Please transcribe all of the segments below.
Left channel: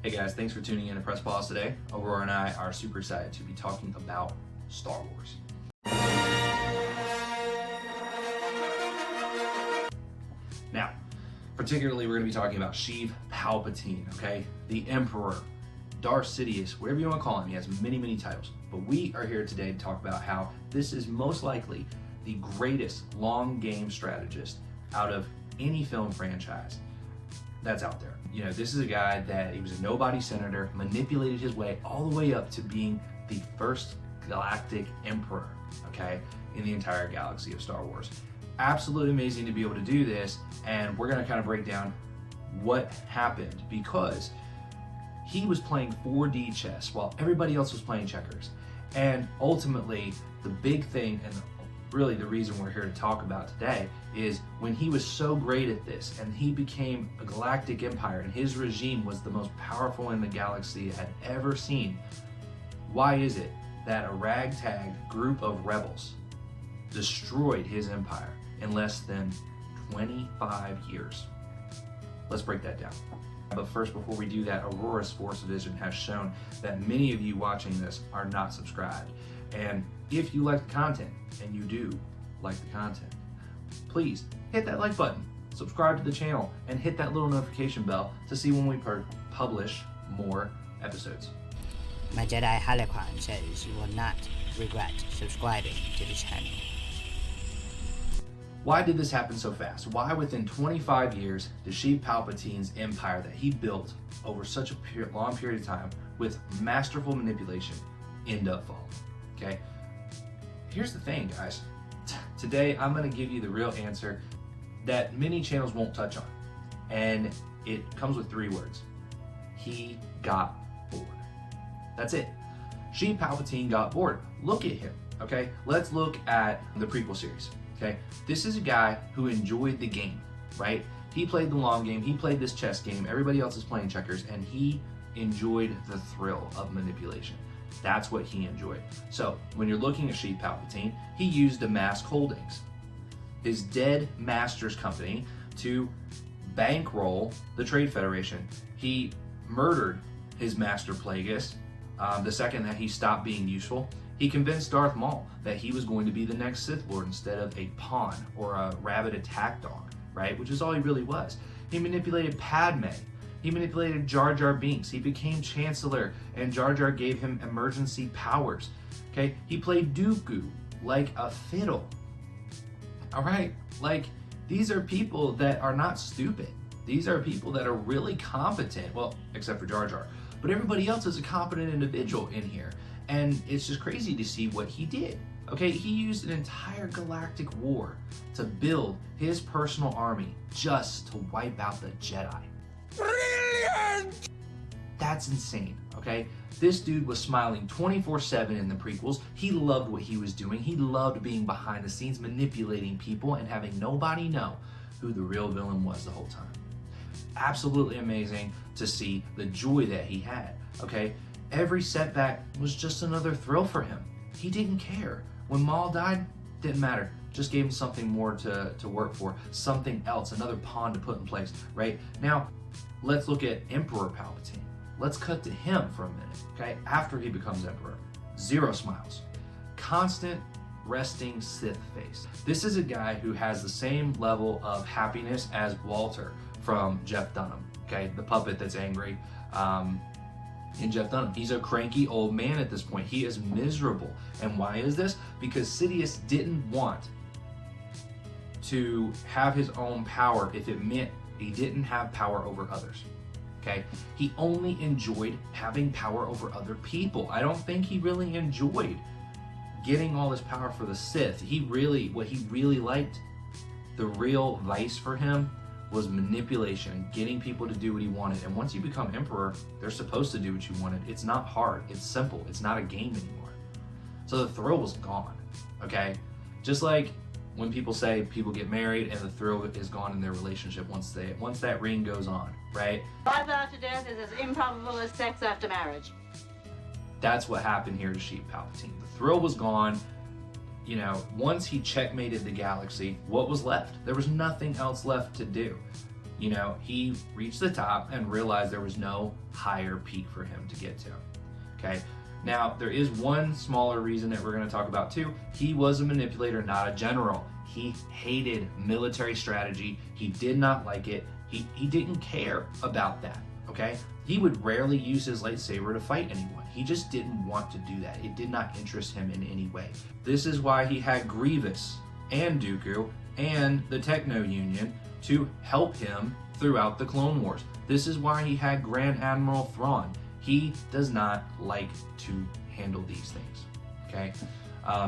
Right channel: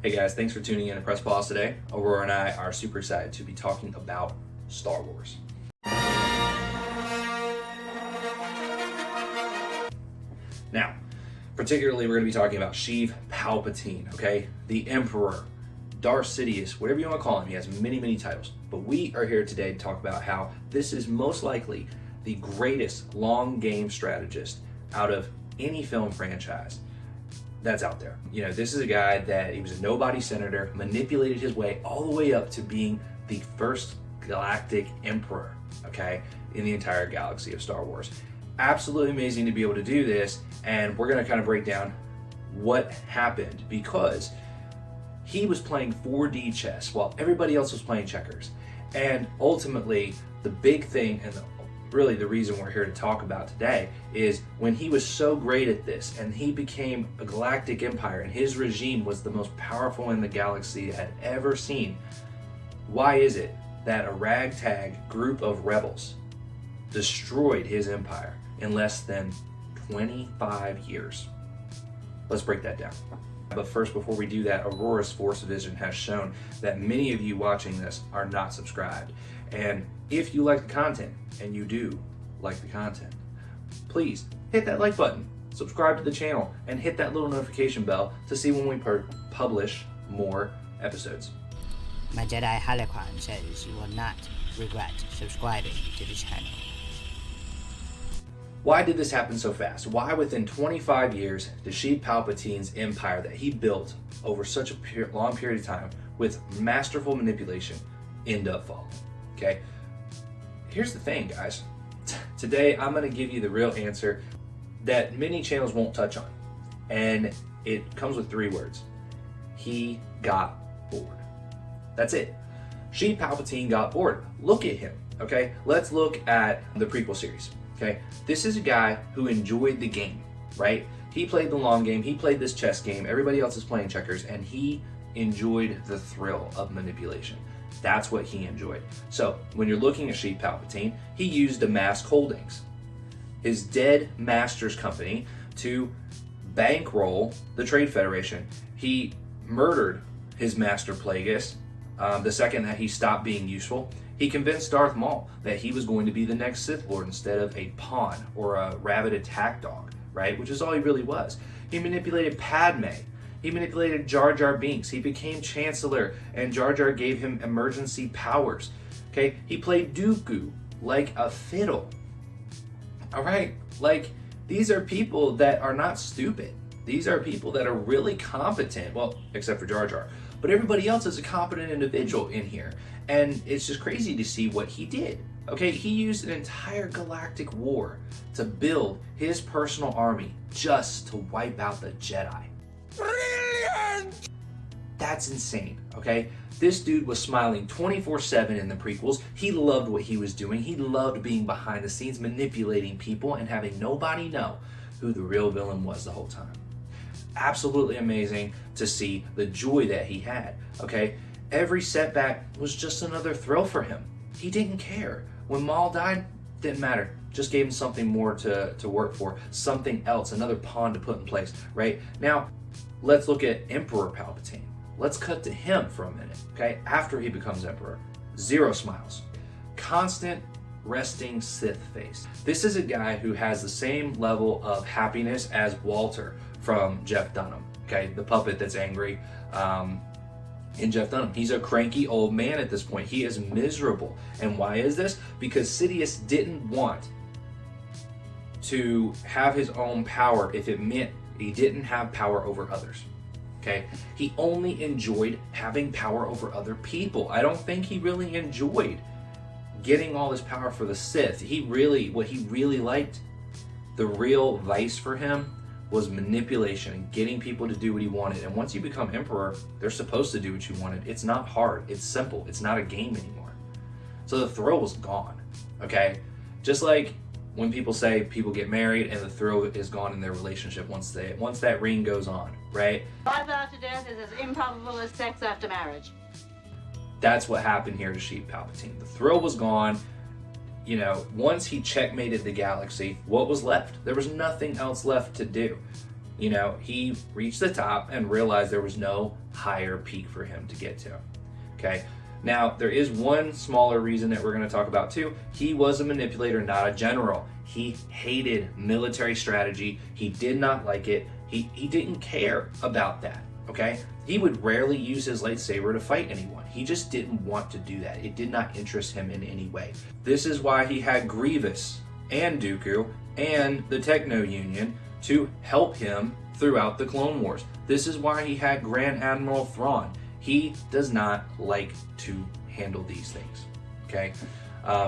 Hey guys, thanks for tuning in to Press Pause today. Aurora and I are super excited to be talking about Star Wars. Now, particularly we're going to be talking about Sheev Palpatine, okay? The Emperor, Darth Sidious, whatever you want to call him. He has many titles. But we are here today to talk about how this is most likely the greatest long game strategist out of any film franchise that's out there. You know, this is a guy that he was a nobody senator, manipulated his way all the way up to being the first galactic emperor, okay, in the entire galaxy of Star Wars. Absolutely amazing to be able to do this, and we're going to kind of break down what happened, because he was playing 4D chess while everybody else was playing checkers. And ultimately, the big thing, and really the reason we're here to talk about today, is when he was so great at this and he became a galactic empire and his regime was the most powerful in the galaxy had ever seen. Why is it that a ragtag group of rebels destroyed his empire in less than 25 years? Let's break that down. But first, before we do that, Aurora's Force Vision has shown that many of you watching this are not subscribed. And if you like the content, and you do like the content, please hit that like button, subscribe to the channel, and hit that little notification bell to see when we publish more episodes. My Jedi Holocron says you will not regret subscribing to the channel. Why did this happen so fast? Why within 25 years did Sheev Palpatine's empire that he built over such a long period of time with masterful manipulation end up falling? Okay, here's the thing, guys. Today I'm going to give you the real answer that many channels won't touch on, and it comes with 3 words. He got bored. That's it. Sheev Palpatine got bored. Look at him, okay? Let's look at the prequel series, okay? This is a guy who enjoyed the game, right? He played the long game. He played this chess game. Everybody else is playing checkers, and he enjoyed the thrill of manipulation. That's what he enjoyed. So when you're looking at Sheev Palpatine, he used Amass Holdings, his dead master's company, to bankroll the Trade Federation. He murdered his master Plagueis the second that he stopped being useful. He convinced Darth Maul that he was going to be the next Sith Lord instead of a pawn or a rabid attack dog, right? Which is all he really was. He manipulated Padme. He manipulated Jar Jar Binks. He became Chancellor, and Jar Jar gave him emergency powers. Okay, he played Dooku like a fiddle. All right, like, these are people that are not stupid. These are people that are really competent. Well, except for Jar Jar, but everybody else is a competent individual in here, and it's just crazy to see what he did. Okay, he used an entire galactic war to build his personal army just to wipe out the Jedi. Brilliant! That's insane, okay? This dude was smiling 24/7 in the prequels. He loved what he was doing. He loved being behind the scenes, manipulating people, and having nobody know who the real villain was the whole time. Absolutely amazing to see the joy that he had, okay? Every setback was just another thrill for him. He didn't care. When Maul died, didn't matter. Just gave him something more to work for, something else, another pawn to put in place, right? Now, let's look at Emperor Palpatine. Let's cut to him for a minute, okay? After he becomes Emperor, 0 smiles. Constant resting Sith face. This is a guy who has the same level of happiness as Walter from Jeff Dunham, okay? The puppet that's angry in Jeff Dunham. He's a cranky old man at this point. He is miserable. And why is this? Because Sidious didn't want to have his own power if it meant he didn't have power over others, okay? He only enjoyed having power over other people. I don't think he really enjoyed getting all this power for the Sith. What he really liked, the real vice for him, was manipulation and getting people to do what he wanted. And once you become Emperor, they're supposed to do what you wanted. It's not hard, it's simple, it's not a game anymore. So the thrill was gone, okay? Just like when people say people get married and the thrill is gone in their relationship once that ring goes on, right? Life after death is as improbable as sex after marriage. That's what happened here to Sheev Palpatine. The thrill was gone. you know, once he checkmated the galaxy, what was left? There was nothing else left to do. You know, he reached the top and realized there was no higher peak for him to get to. Okay. Now, there is one smaller reason that we're going to talk about too. He was a manipulator, not a general. He hated military strategy. He did not like it. He didn't care about that. Okay. He would rarely use his lightsaber to fight anyone. He just didn't want to do that. It did not interest him in any way. This is why he had Grievous and Dooku and the Techno Union to help him throughout the Clone Wars. This is why he had Grand Admiral Thrawn. He does not like to handle these things, okay?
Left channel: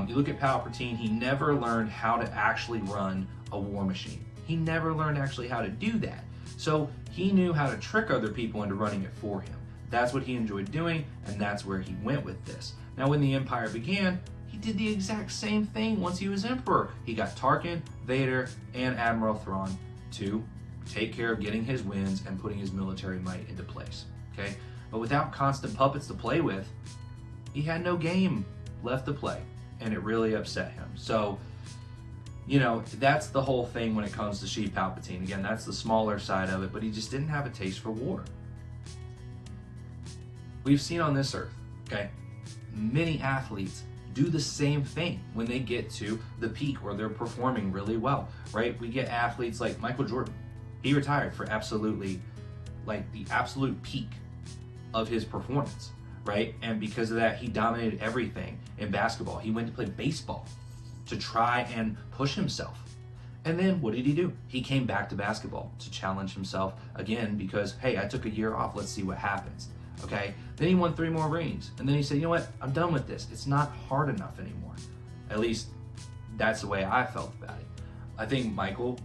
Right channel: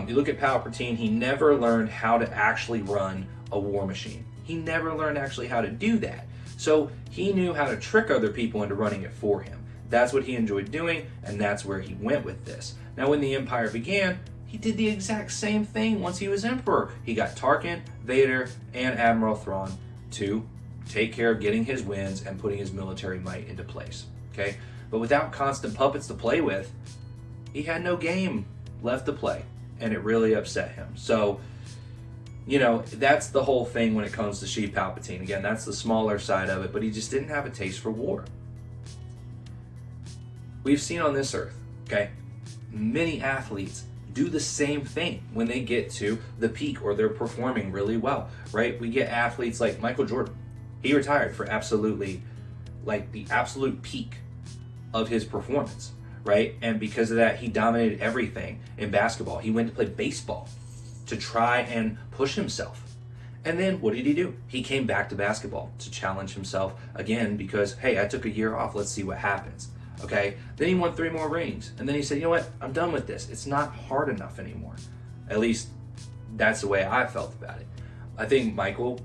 You look at Palpatine, he never learned how to actually run a war machine. He never learned actually how to do that. So he knew how to trick other people into running it for him. That's what he enjoyed doing, and that's where he went with this. Now, when the Empire began, he did the exact same thing once he was Emperor. He got Tarkin, Vader, and Admiral Thrawn to take care of getting his wins and putting his military might into place, okay? But without constant puppets to play with, he had no game left to play, and it really upset him. So, you know, that's the whole thing when it comes to Sheev Palpatine. Again, that's the smaller side of it, but he just didn't have a taste for war. We've seen on this earth, okay, many athletes do the same thing when they get to the peak or they're performing really well, right? We get athletes like Michael Jordan. He retired for absolutely, like, the absolute peak of his performance, right? And because of that, he dominated everything in basketball. He went to play baseball to try and push himself. And then what did he do? He came back to basketball to challenge himself again because, hey, I took a year off. Let's see what happens. Okay. Then he won 3 more rings. And then he said, you know what? I'm done with this. It's not hard enough anymore. At least that's the way I felt about it. I think Michael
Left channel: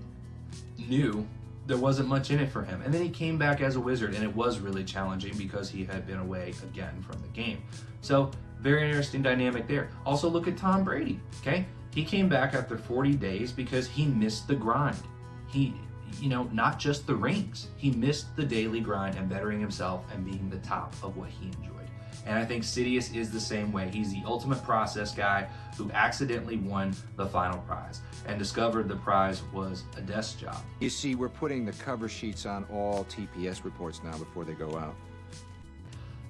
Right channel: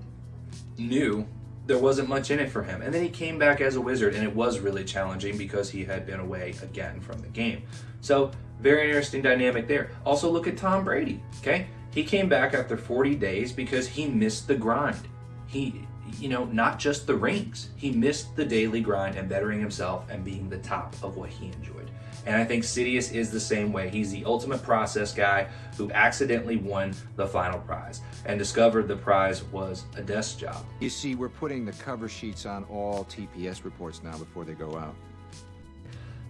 knew there wasn't much in it for him. And then he came back as a wizard, and it was really challenging because he had been away again from the game. So very interesting dynamic there. Also look at Tom Brady, okay? He came back after 40 days because he missed the grind. He, you know, not just the rings. He missed the daily grind and bettering himself and being the top of what he enjoyed. And I think Sidious is the same way. He's the ultimate process guy who accidentally won the final prize and discovered the prize was a desk job. You see, we're putting the cover sheets on all TPS reports now before they go out.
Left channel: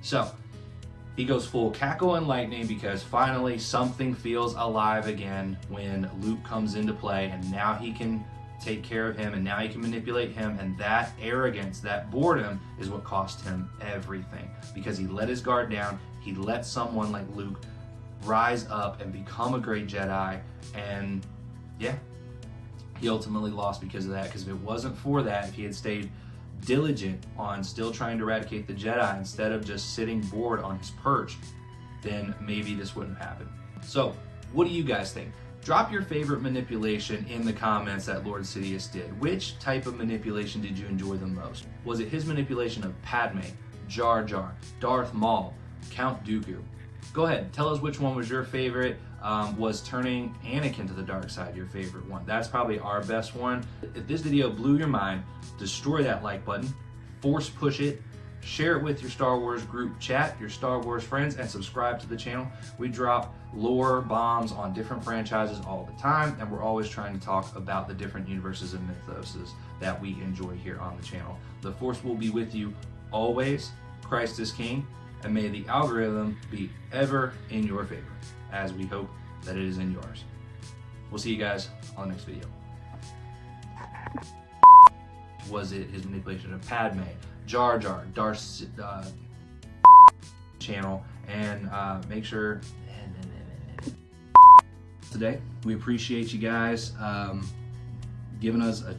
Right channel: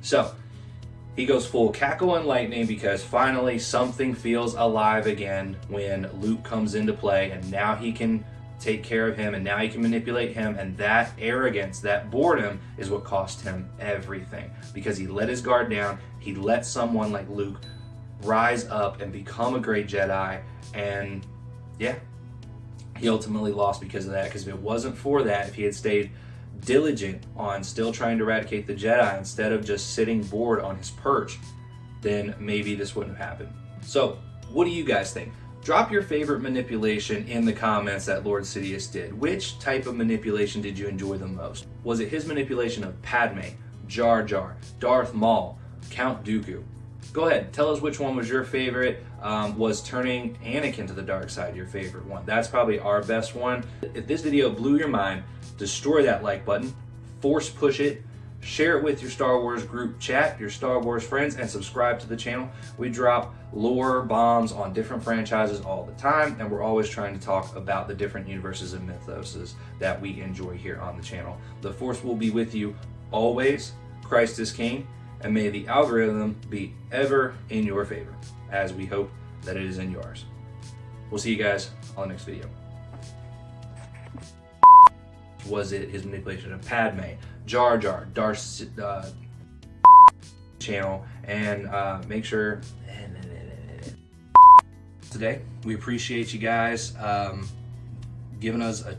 So he goes full cackle and lightning because finally something feels alive again when Luke comes into play, and now he can take care of him, and now he can manipulate him, and that arrogance, that boredom is what cost him everything because he let his guard down. He let someone like Luke rise up and become a great Jedi, and yeah, he ultimately lost because of that. Because if it wasn't for that, if he had stayed diligent on still trying to eradicate the Jedi instead of just sitting bored on his perch, then maybe this wouldn't have happened. So what do you guys think? Drop your favorite manipulation in the comments that Lord Sidious did. Which type of manipulation did you enjoy the most? Was it his manipulation of Padme, Jar Jar, Darth Maul, Count Dooku? Go ahead, tell us which one was your favorite. Was turning Anakin to the dark side your favorite one? That's probably our best one. If this video blew your mind, destroy that like button, force push it, share it with your Star Wars group chat, your Star Wars friends, and subscribe to the channel. We drop lore bombs on different franchises all the time, and we're always trying to talk about the different universes and mythoses that we enjoy here on the channel. The Force will be with you always. Christ is King, and may the algorithm be ever in your favor, as we hope that it is in yours. We'll see you guys on the next video. Was it his manipulation of Padme, Jar Jar, Darth channel, and make sure today we appreciate you guys giving us a